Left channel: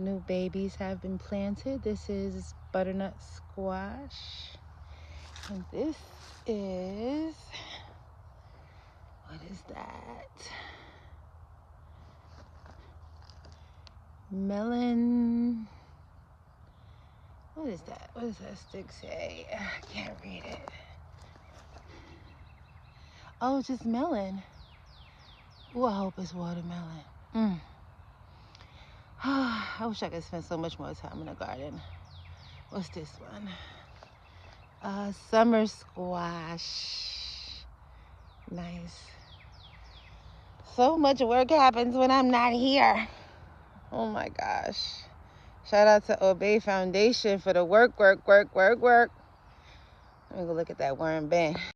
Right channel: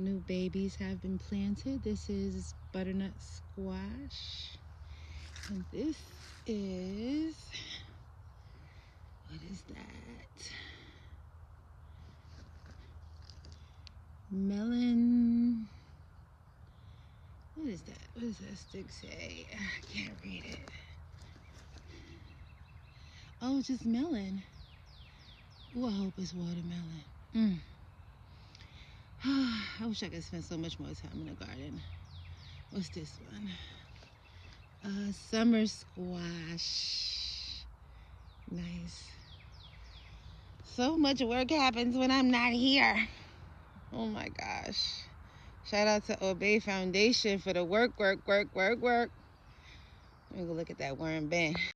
New babies have been planted. This is butternut squash. And this is, what is that? Melon. What is that? What does that stick say? I can't read it. Oh, just melon. Ooh, I hope it's watermelon. I wish I could spend so much more time in the garden. What's this one? Summer squash. Nice. So much work happens when I'm not here. Oh my gosh. Shout out to Obey Foundation for the work. Let me go look at that worm bin.